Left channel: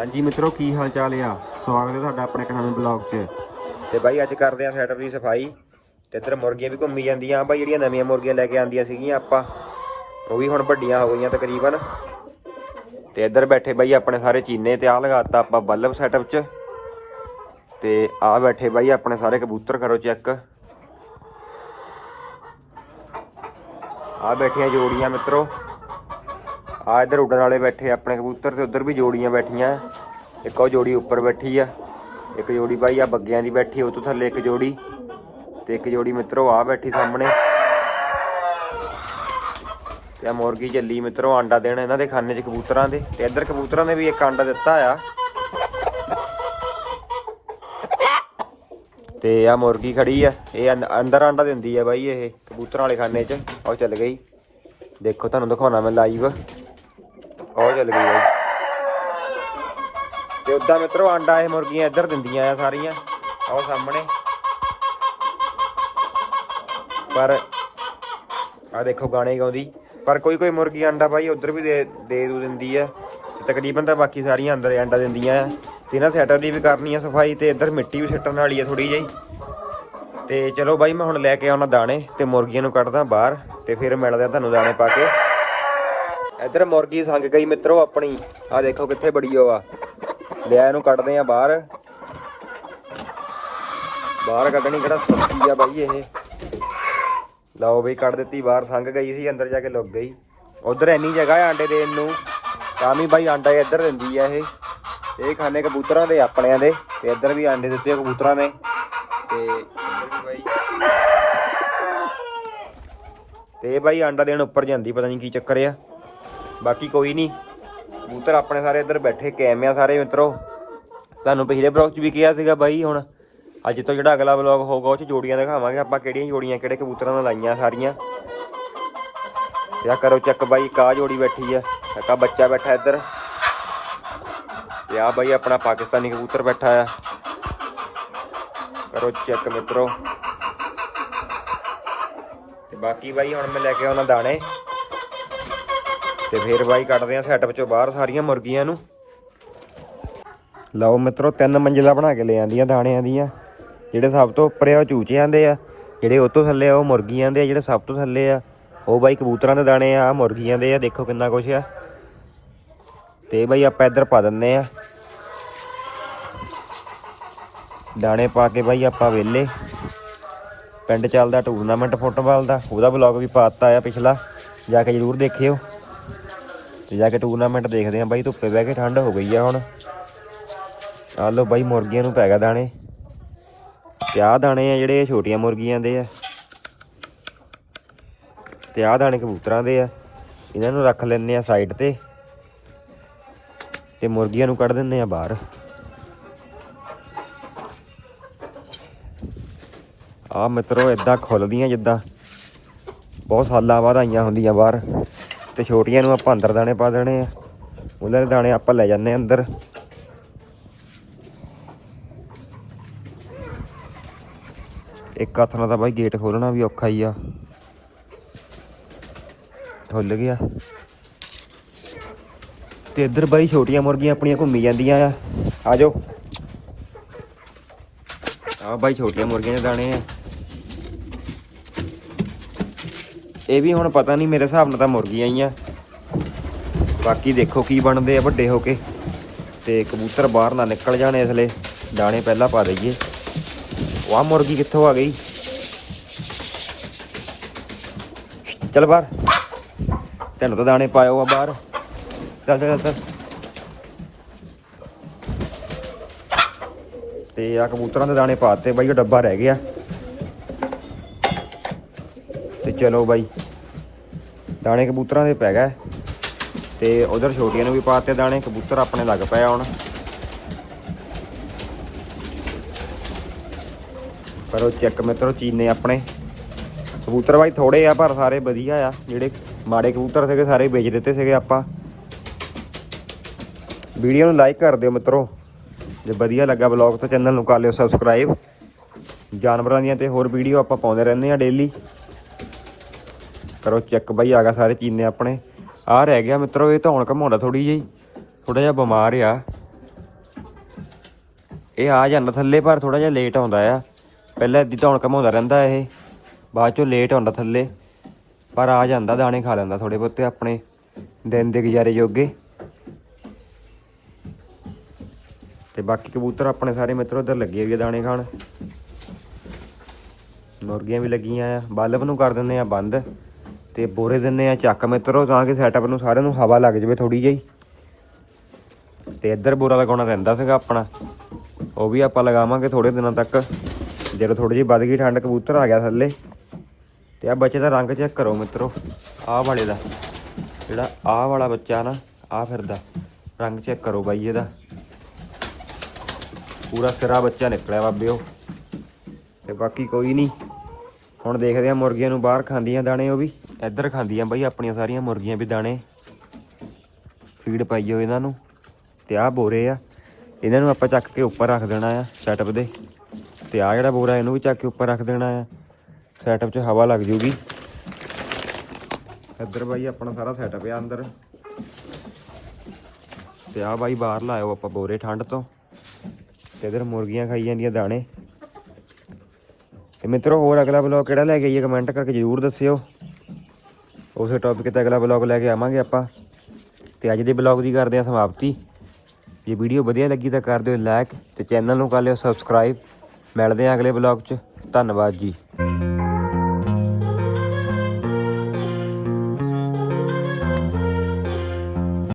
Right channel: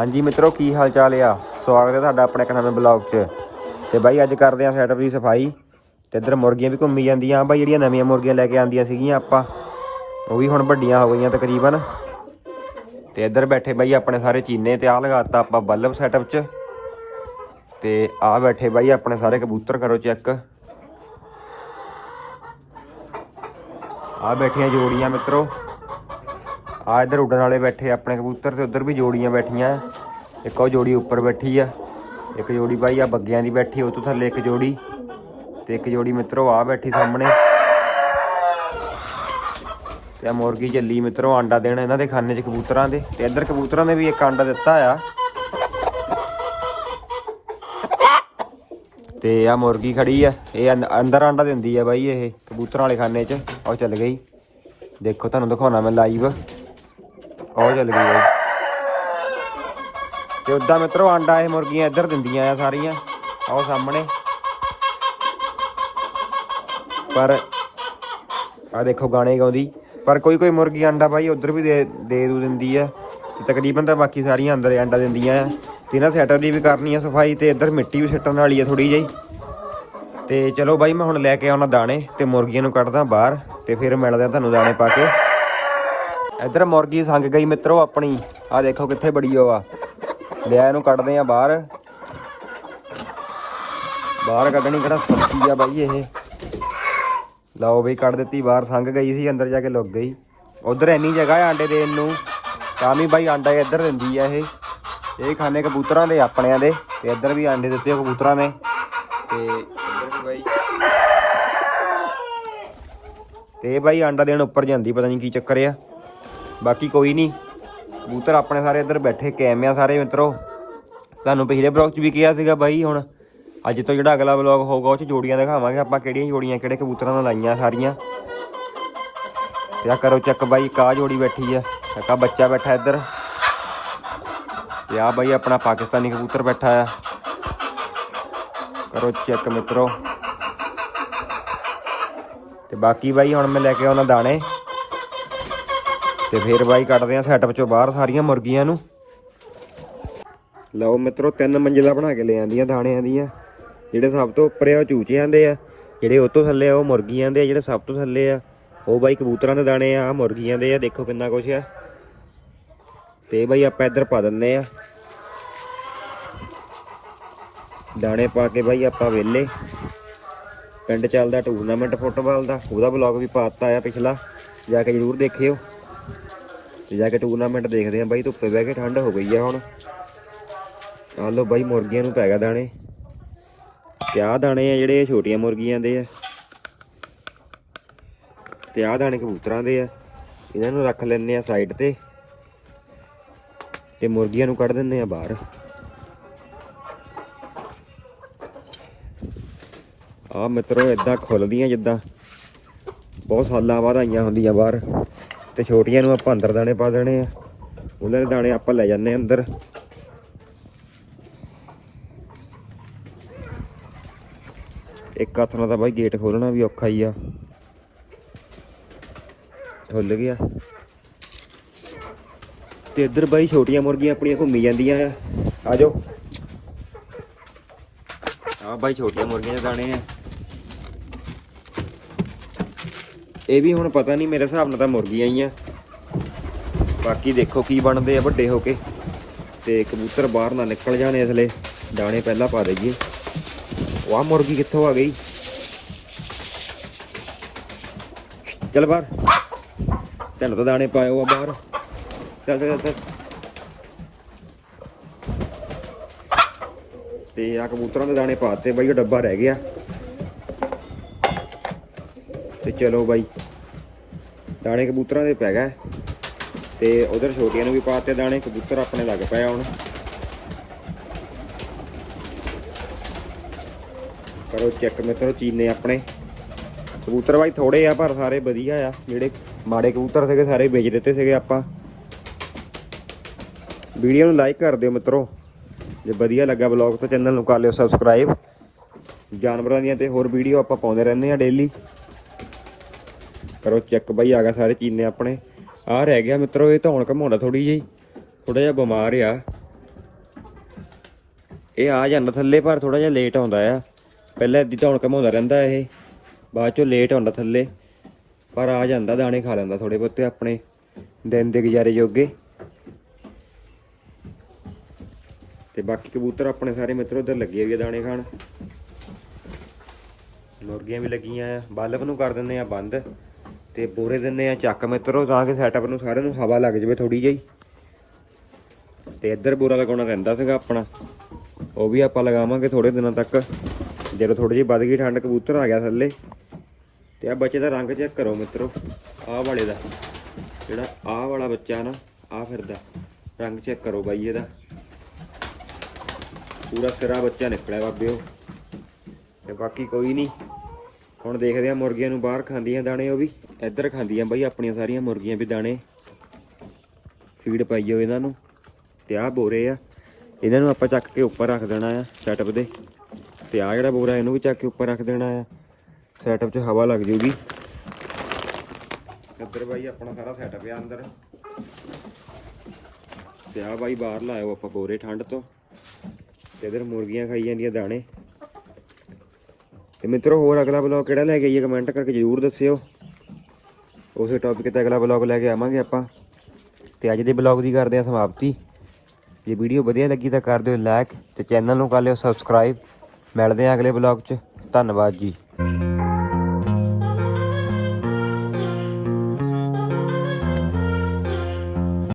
ਹਾਂਜੀ ਮਿੱਤਰੋ, ਕੀ ਹਾਲ ਚਾਲ ਆ? ਸਵਾਗਤ ਹੈ ਤੁਹਾਡਾ ਆਪਣੇ ਇੱਕ ਨਵੇਂ ਬਲੌਗ 'ਚ। ਤੇ ਬਾਈ, ਅੱਜ ਕਰਦੇ ਆ ਸੈਟਅਪ ਦੀ ਸਫ਼ਾਈ। ਤੇ ਇੱਧਰ ਮੁਰਗੀਆਂ ਵੀ ਘੁੰਮੀ ਜਾਂਦੀਆਂ। ਬਾਈ, ਜਿਹੜੀਆਂ ਨਵੀਆਂ ਮੁਰਗੀਆਂ ਲੈ ਕੇ ਆਂਦੀਆਂ ਸੀਗੀਆਂ ਆਪਾਂ, ਉਹ ਵੀ ਹੁਣ ਵੱਡੀਆਂ ਹੋ ਗਈਆਂ ਤਕਰੀਬਨ। ਤੇ ਇੱਧਰ ਬੈਠੇ ਬਾਈ ਆਪਣੇ ਸਾਰੇ ਚੀਨੇ ਤੇ ਆ ਲਗਾਤਾ ਆਪਾਂ ਬੱਲਬ ਸੈਟਅਪ 'ਚ। ਤੇ ਆ ਬੈਠੇ ਬਾਈ ਆਪਣੇ ਸਾਰੇ ਕਬੂਤਰ, ਕਰੋ ਚੈੱਕ। ਆ ਬੈਠੀਆਂ ਜੋੜੀਆਂ ਮਿੱਤਰੋ। ਆ ਇੱਧਰ ਉੱਡਣ ਵਾਲੇ ਬੈਠੇ ਆਪਣੇ ਕਬੂਤਰ ਤੇ ਉੱਧਰ ਵੀ ਜੋੜੀਆਂ ਬੈਠੀਆਂ। ਇੱਕ ਉਹ ਜੋੜੀ ਉੱਪਰ ਬੈਠੀ ਆ, ਇੱਕ ਜੋੜੀ ਬਾਈ ਆ ਬੱਗਿਆਂ ਦੀ ਬੈਠੀ, ਉਹ ਤੋਂ ਥੱਲੇ ਇੱਕ ਜੋੜੀ ਤੇ ਇੱਕ ਜੋੜੀ ਮਿੱਤਰੋ ਆ ਬੈਠੀ ਸਾਹਮਣੇ। ਤੇ ਆ ਮੁਰਗੀ ਚੱਲੀ ਮਿੱਤਰੋ ਆਂਡਾ ਦੇਣ ਇਹਨਾਂ ਦੇ ਖਾਨੇ 'ਚ ਕਬੂਤਰਾਂ ਦੇ, ਤੇ ਇੱਧਰ ਕਬੂਤਰਾਂ ਨੇ ਵੀ ਇੱਕ ਆਂਡਾ ਦਿੱਤਾ ਆ। ਤੇ ਆ ਮੁਰਗੀ ਖੜੀ ਆ, ਇਹ ਅੰਦਰ ਆਂਡਾ ਦਿੰਦੀ ਆ ਬਾਈ ਇਹ ਕਬੂਤਰਾਂ ਵਾਲੇ ਖਾਨੇ 'ਚ, ਉਹ ਚੱਲ ਗਈ। ਦੇਖੋ ਤੁਹਾਨੂੰ ਦਿਖਾਉਣਾ ਮੈਂ ਲਾਈਵ ਉਹ ਚੱਲ ਗਈ ਬਾਈ ਤੇ ਉਦਾਂ ਮਿੱਤਰੋ ਆਂਡਾ ਇਹ ਮੁਰਗੀਆਂ ਇੱਧਰ ਦਿੰਦੀਆਂ ਆ ਸਾਰੀਆਂ ਆਓ ਸਾਹਮਣੇ। ਪਰ ਆ ਦੇਖੋ ਗਾਣੇ ਗਾਉਂਦੀ। ਪਰ ਕੋਈ ਕੋਈ ਮੁਰਗੀ ਆਂਡਾ ਬਾਈ ਉਧਰ ਵੀ ਦੇ ਦੇ ਦੂ ਦਿੰਦੀ ਆ। ਤੇ ਤਕਰੀਬਨ ਤਾਂ ਬਾਕੀ ਸਾਰੀਆਂ ਅੰਦਰ ਆਂਡਾ ਦਿੰਦੀਆਂ ਆ। ਤੇ ਇਹਨਾਂ ਸੈਟਰ ਦੀ ਵੀ ਕਰਨੀ ਆ ਸਫ਼ਾਈ ਤੇ ਇੱਧਰ ਮਿੱਟੀ ਵੀ ਸਿੱਟਣ ਵਾਲੀ ਆ ਥੋੜੀ ਜਿਹੀ। ਤੇ ਚਲੋ ਬਾਈ ਮੈਂ ਹੁਣ ਲੈ ਕੇ ਆਉਣਾ ਦਾਣੇ ਤੇ ਮੁਰਗੀਆਂ ਨੂੰ ਕੱਢਦਾ ਬਾਹਰ ਤੇ ਫਿਰ ਮਿਲਦੇ ਆ ਤੁਹਾਨੂੰ ਦਾਣੇ ਪਾ ਕੇ। ਇੱਧਰ ਮੁਰਗੀ ਸੰਗ ਗਈ ਮਿੱਤਰੋ ਆਪਣੀ। ਆ ਦੇਖੋ ਕਿੱਥੇ ਬੜੀ ਉਹ ਆ। ਲਿਆ ਇਹਨੂੰ ਕੱਢਦੇ ਆ ਬਾਹਰ। ਬਾਹਰ ਕੱਢਣੀ ਕਿਹੜਾ ਸੌਖੀ ਆ ਬਾਈ ਇਹ। ਲਓ ਬਈ ਕੱਢ ਦਿੱਤੀ, ਬਾਹਰ ਸੰਗ ਗਈ ਸੀ, ਅੰਦਰ ਜਾ ਕੇ ਲੁੱਕ ਗਈ। ਉਧਰ ਇੰਨੀ ਜਗ੍ਹਾ ਆ ਆਂਡੇ ਦੇਣ ਨੂੰ। ਤਾਂ ਵੀ ਬਾਈ ਆਂਡਾ ਇੱਧਰ ਦਿੰਦੀ ਆ ਇਹ। ਇਹ ਖਾਣੇ ਕਬੂਤਰਾਂ ਦੇ, ਆਪਣਿਆਂ ਦੇ। ਤੇ ਇੱਧਰ ਵੀ ਆਂਡੇ ਦਿੱਤੇ ਕਬੂਤਰਾਂ ਨੇ। ਤੇ ਇੱਧਰ ਵੀ ਬਾਈ। ਤੇ ਬਾਈ ਆਂਡਾ ਦੇਣ ਉੱਪਰ ਜਾਂਦੀ, ਪਤਾ ਨਹੀਂ ਕੀ ਚੱਕਰ ਆ। ਬਾਕੀ ਕੋਈ ਨਹੀਂ। ਕਬੂਤਰ ਆਪਣੇ ਸਾਰੇ ਇੱਧਰ ਬੈਠੇ ਕੈਮ ਆ ਸਾਰੇ ਮਿੱਤਰੋ। ਤੁਹਾਨੂੰ ਪਿਛਲੇ ਬਲੌਗ 'ਚ ਵੀ ਕਿਹਾ ਸੀਗਾ ਬਾਈ, ਹੁਣ ਅੱਜ ਤੋਂ ਜਿਹੜਾ ਅਗਲਾ ਵਲੌਗ ਹੋਊਗਾ, ਉਹ 'ਚ ਜੋੜੀਆਂ ਦਿਖਾਵਾਂਗੇ। ਆਪਾਂ ਕਿਹੜੀਆਂ ਜੋੜੀਆਂ, ਕਿਹੜੇ ਕਬੂਤਰਾਂ ਨਾਲ ਲਾਈਆਂ ਸਾਰੀਆਂ। ਤੇ ਕਰੋ ਚੱਕ ਬਾਈ ਕਾ ਜੋੜੀ ਬੈਠੀ ਆ। ਇੱਕ ਬੱਚਾ ਬੈਠਾ ਇੱਧਰ। ਤੇ ਆ ਬਾਈ ਆਪਣਾ ਪਾਕਿਸਤਾਨੀ ਕਬੂਤਰ ਬੈਠਾ ਆ। ਕਰੋ ਚੈੱਕ ਮਿੱਤਰੋ। ਤੇ ਬਾਕੀ ਬਾਈ, ਹੁਣ ਮੈਂ ਲੈ ਕੇ ਆਉਣਾ ਦਾਣੇ। ਤੇ ਫਿਰ ਬਾਈ ਕੱਢਦੇ ਆ ਸੈਟਅਪ ਚੋਂ ਬਾਹਰ ਸਾਰੀਆਂ ਮੁਰਗੀਆਂ ਨੂੰ। ਲਓ ਮਿੱਤਰੋ, ਤਿੰਨ ਮੰਜ਼ਿਲਾ ਬਣਾ ਕੇ ਲੈ ਆਂਦੀਆਂ ਦਾਣਿਆਂ ਦੀਆਂ, ਜਿਹੜੇ ਸਭ ਤੋਂ ਉੱਪਰ ਆ, ਉਹ ਚੂਚੇ ਆਂਦੇ ਆ, ਜਿਹੜੇ ਉਹ ਤੋਂ ਥੱਲੇ ਆ, ਉਹ ਮੁਰਗੀਆਂ ਦੇ ਆ, ਜਿਹੜੇ ਸਭ ਤੋਂ ਥੱਲੇ ਆ, ਉਹ ਬਾਈ ਕਬੂਤਰਾਂ ਦੇ ਦਾਣੇ ਆ, ਆਹ ਮੁਰਗੀਆਂ ਦੇ ਆ, ਦੇਖੋ ਕਿੰਨਾ ਕੁਛ ਆ। ਤੇ ਬਾਈ ਆਪਾਂ ਇੱਧਰ ਪਾ ਦਿੰਨੇ ਆ। ਦਾਣੇ ਪਾ ਕੇ ਬਾਈ ਆਪਾਂ ਵੇਲੇ ਪਿੰਡ ਚੱਲਦਾ ਟੂਰਨਾਮੈਂਟ ਫੁੱਟਬਾਲ ਦਾ, ਉਹਦਾ ਵਲੌਗ ਵੀ ਪਾਤਾ ਆ ਪਿਛਲਾ, ਜਾ ਕੇ ਜਰੂਰ ਦੇਖਿਓ। ਤੇ ਜਾ ਕੇ ਟੂਰਨਾਮੈਂਟ ਦੇਖਦੇ ਆ ਬਾਈ, ਧੁੱਪੇ ਬਹਿ ਕੇ ਠੰਡ ਹੋ ਗਈ ਆ ਹੁਣ। ਆ ਲੋ ਬਾਈ, ਮੁਰਗੀਆਂ ਨੂੰ ਪੈ ਗਿਆ ਦਾਣੇ। ਤੇ ਆਹ ਦਾਣੇ ਆ ਜਿਹੜੇ ਛੋਟੀਆਂ ਮੁਰਗੀਆਂ ਦੇ ਆ। ਤੇ ਆਹ ਦਾਣੇ ਕਬੂਤਰਾਂ ਦੇ ਆ। ਇਹਨਾਂ ਨੂੰ ਰੱਖ ਲੈਣੇ ਆ ਸਾਈਡ ਤੇ। ਤੇ ਮੁਰਗੀਆਂ ਨੂੰ ਕੱਢ ਦਿੰਨੇ ਆ ਬਾਹਰ। ਆ ਮਿੱਤਰੋ ਇਦਾਂ ਖੁੱਲਦੀਆਂ ਜਿੱਦਾਂ। ਬਹੁਤ ਸਾਲਾਂ ਬਾਅਦ ਆਈਆਂ ਹੁੰਦੀਆਂ ਬਾਹਰ। ਤੇ ਛੋਟੀਆਂ ਨੂੰ ਆਪਾਂ ਅੰਦਰ ਦਾਣੇ ਪਾ ਦੇਣੇ ਆ। ਉਹਨਾਂ ਦੇ ਦਾਣੇ ਆਪਾਂ ਲੈ ਜਾਂਦੇ ਆ ਅੰਦਰ। ਇੱਕ ਹੱਥ ਨਾਲ ਤਾਂ ਬਾਈ ਗੇਟ ਖੋਲਣਾ ਵੀ ਔਖਾ ਹੀ ਆ। ਖੁੱਲ ਗਿਆ। ਤੇ ਇੱਧਰ ਬਾਈ ਛੋਟੀਆਂ ਮੁਰਗੀਆਂ ਆਪਣੀਆਂ ਘੁੰਮੀ ਜਾਂਦੀਆਂ ਆ। ਆ ਜਾਓ। ਆ ਬਾਈ ਛੋਟੀਆਂ ਮੁਰਗੀਆਂ ਦੇ ਦਾਣੇ ਆ। ਇਹ ਵੀ ਹੁਣ ਪਤਾ ਨਹੀਂ, ਮੇਰੇ ਹਿਸਾਬ ਨਾਲ ਤਾਂ ਮੁਰਗੀਆਂ ਹੀ ਆ। ਬਾਕੀ ਦੇਖੋ ਕੀ ਬਣਦੇ ਆ ਵੱਡੇ ਹੋ ਕੇ। ਤੇ ਕਬੂਤਰ ਬਾਹਰ ਨਾ ਨਿਕਲ ਜਾਣ ਇਸ ਲਈ ਦਾਣੇ ਪਹਿਲਾਂ ਪਾ ਦਈਏ। ਉਹ ਆਹ ਮੁਰਗੀ ਕਿੱਥੋਂ ਆ ਗਈ? ਚੱਲ ਬਾਹਰ। ਤੈਨੂੰ ਤਾਂ ਦਾਣੇ ਪਾਇਓ ਆ ਬਾਹਰ। ਚੱਲ ਚੱਲ ਚੱਲ। ਤੇ ਆ ਕਬੂਤਰਾਂ ਦੇ ਦਾਣੇ ਪਾਤੇ ਬਾਈ, ਉਹ ਡੱਬਾ ਰਹਿ ਗਿਆ। ਤੇ ਚਲੋ ਬਾਈ। ਦਾਣੇ ਕਬੂਤਰਾਂ ਦੇ ਪੈ ਗਏ। ਤੇ ਉਧਰ ਛੋਟੀਆਂ ਨੂੰ ਵੀ ਪਾਤੇ ਦਾਣੇ। ਕਬੂਤਰ ਆਪਣੇ ਲੱਗ ਪਏ ਆ ਹੁਣ। ਕਰੋ ਚੈੱਕ ਮਿੱਤਰੋ, ਚੀਨੇ ਆਪਣੇ। ਕਬੂਤਰ ਬਾਈ ਥੋੜੇ ਆ, ਪਰ ਸਾਰੇ ਵਧੀਆ ਆ। ਜਿਹੜੇ ਮਾੜੇ ਕਬੂਤਰ ਸੀਗੇ, ਸਾਰੇ ਵੇਚ ਦਿੱਤੇ ਸੀਗੇ ਆਪਾਂ। ਵੀਡੀਓ ਨੂੰ ਲਾਈਕ ਕਰ ਦਿਓ ਮਿੱਤਰੋ। ਜੇ ਵਧੀਆ ਲੱਗਾ ਬਲੌਗ ਤਾਂ ਚੈਨਲ ਨੂੰ ਕਰ ਲਿਓ ਸਬਸਕ੍ਰਾਈਬ ਜਾਨਵਰਾਂ ਦੀਆਂ ਤੇ ਹੋਰ ਵੀਡੀਓ ਆਪਾਂ ਪਾਉਂਦੇ ਰਹਿੰਦੇ ਆ ਡੇਲੀ ਕਰੋ ਚੈੱਕ ਬਾਈ, ਆ ਗਿਆ ਸਾਰੇ ਚੀਨੇ ਆਪਣੇ। ਆ ਰਹਿ ਗਿਆ ਮਿੱਤਰੋ, ਇਹ ਧੌਣ ਹੁਣ ਘਮਾਉਂਦਾ ਥੋੜੀ ਜਿਹੀ। ਥੋੜਾ ਜਿਹਾ ਬਿਮਾਰ ਆ। ਇਹ ਆ ਜਾਂਦਾ ਥੱਲੇ, ਪਰ ਥੋੜਾ ਜਿਹਾ ਲੇਟ ਆਉਂਦਾ ਆ। ਪਹਿਲਾਂ ਇੱਦੀ ਧੌਣ ਘਮਾਉਂਦਾ ਰਹਿੰਦਾ ਇਹ। ਬਾਅਦ ਚੋਂ ਲੇਟ ਆਉਂਦਾ ਥੱਲੇ। ਪਰ ਆ ਜਾਂਦਾ, ਦਾਣੇ ਖਾ ਲੈਂਦਾ ਥੋੜੇ ਬਹੁਤੇ ਆਪਣੇ ਦਿਨ ਦੇ ਗੁਜ਼ਾਰੇ ਜੋਗੇ। ਤੇ ਬਾਕੀ ਕਬੂਤਰ ਆਪਣੇ ਸਾਰੇ ਮਿੱਤਰ ਉਧਰ ਲੱਗੇ ਵੀ ਆ ਦਾਣੇ ਖਾਣ। ਮੁਰਗੀਆਂ ਵੀ ਲੱਗੀਆਂ ਆ। ਬਲਬ ਨੂੰ ਕਰ ਦਿੰਦੇ ਆ ਬੰਦ। ਤੇ ਬੋਰੇ ਦਿੰਦੇ ਆ ਚੱਕ ਮਿੱਤਰੋ, ਤਾਂ ਕਿ ਸੈਟਅਪ ਨੂੰ ਸਾਰਿਆਂ ਨੂੰ ਹਵਾ ਲੱਗ ਜਾਵੇ ਥੋੜੀ ਜਿਹੀ। ਤੇ ਇੱਧਰ ਬੋਰਾ ਲਗਾਉਣਾ ਰਹਿੰਦਾ ਸੀਗਾ ਆਪਣਾ। ਉਹ ਵੀ ਆਪਾਂ ਲਗਾਵਾਂਗੇ ਥੋੜੇ ਦਿਨਾਂ ਤੱਕ। ਜਦੋਂ ਥੋੜੀ ਜਿਹੀ ਵੱਧ ਗਈ, ਠੰਡ ਕਬੂਤਰ ਆ ਗਿਆ ਥੱਲੇ। ਤੇ ਆ ਬੱਚੇ ਦਾ ਰੰਗ ਚੈੱਕ ਕਰੋ ਮਿੱਤਰੋ। ਆਹ ਵਾਲੇ ਦਾ। ਜਿਹੜਾ ਆਹ ਵਾਲਾ ਬੱਚਾ ਨਾ, ਆਹ ਫਿਰਦਾ ਰੰਗ ਚੈੱਕ ਕਰੋ ਬਾਈ ਇਹਦਾ। ਪੂਰਾ ਸਿਰਾ ਬੱਚਾ ਨਿਕਲਿਆ ਬਾਬਿਓ ਤੇ ਬਾਕੀ ਕੋਈ ਨਹੀਂ। ਹੁਣ ਦੇਖਦੇ ਆ ਮੁਰਗੀਆਂ ਨੂੰ ਬਾਹਰ ਖਾਂਦੀਆਂ ਦਾਣੇ, ਉਹ ਵੀ ਇੱਧਰ ਖਾਂਦੀਆਂ ਬਾਈ, ਆਪਣੀਆਂ ਸਾਰੀਆਂ ਮੁਰਗੀਆਂ ਵੀ ਦਾਣੇ। ਫੀਡ ਪਾਈ ਜਾਓ ਇਹਨਾਂ ਨੂੰ, ਤੇ ਆਹ ਬੋਰੇ ਆ। ਇਹਨਾਂ ਨੂੰ ਆਪਾਂ ਚੱਕ ਕੇ ਉੱਪਰ ਰੱਖ ਦੇਣਾ ਆ ਸੈਟਅਪ ਦੇ। ਤੇ ਆ ਜਿਹੜਾ ਬੋਰਾ, ਇਹਨੂੰ ਵੀ ਚੱਕ ਕੇ ਉੱਪਰ ਰੱਖ ਦੇਣਾ ਆ। ਸੈਟਅਪ 'ਚ ਹਵਾ ਲੱਗ ਜੂਗੀ ਇੱਧਰ ਬਾਈ ਆਪਣਾ ਸਾਰਾ ਸੈਟਅਪ ਆ ਅੰਦਰ। ਤੇ ਆ ਬਾਈ ਬਾਹਰ ਲਾਇਓ ਆਪਾਂ ਬੋਰੇ ਠੰਡ ਤੋਂ। ਤੇ ਇਧਰ ਮੁਰਗੀਆਂ ਖਾਈ ਜਾਂਦੀਆਂ ਦਾਣੇ। ਤੇ ਮਿੱਤਰੋ, ਹੋਰ ਅਗਲਾ ਬਲੌਗ ਕਿਹੜਾ ਲੈ ਕੇ ਆਈਏ ਕਮੈਂਟ ਕਰਕੇ ਜਰੂਰ ਦੱਸਿਓ। ਉਸੇ ਟੌਪਿਕ ਤੇ ਅਗਲਾ ਬਲੌਗ ਲੈ ਕੇ ਆਵਾਂਗੇ ਆਪਾਂ। ਤੇ ਅੱਜ ਦੇ ਬਲੌਗ ਦੀ ਕਰਦੇ ਹਾਂ ਸਮਾਪਤੀ। ਜੇ ਵੀਡੀਓ ਵਧੀਆ ਲੱਗੀ ਤਾਂ ਕਰ ਦਿਓ ਲਾਈਕ ਤੇ ਚੈਨਲ ਨੂੰ ਕਰ ਲਿਓ ਸਬਸਕ੍ਰਾਈਬ ਮਿਲਦੇ ਹਾਂ ਅਗਲੇ ਬਲੌਗ 'ਚ। ਧੰਨਵਾਦ ਜੀ।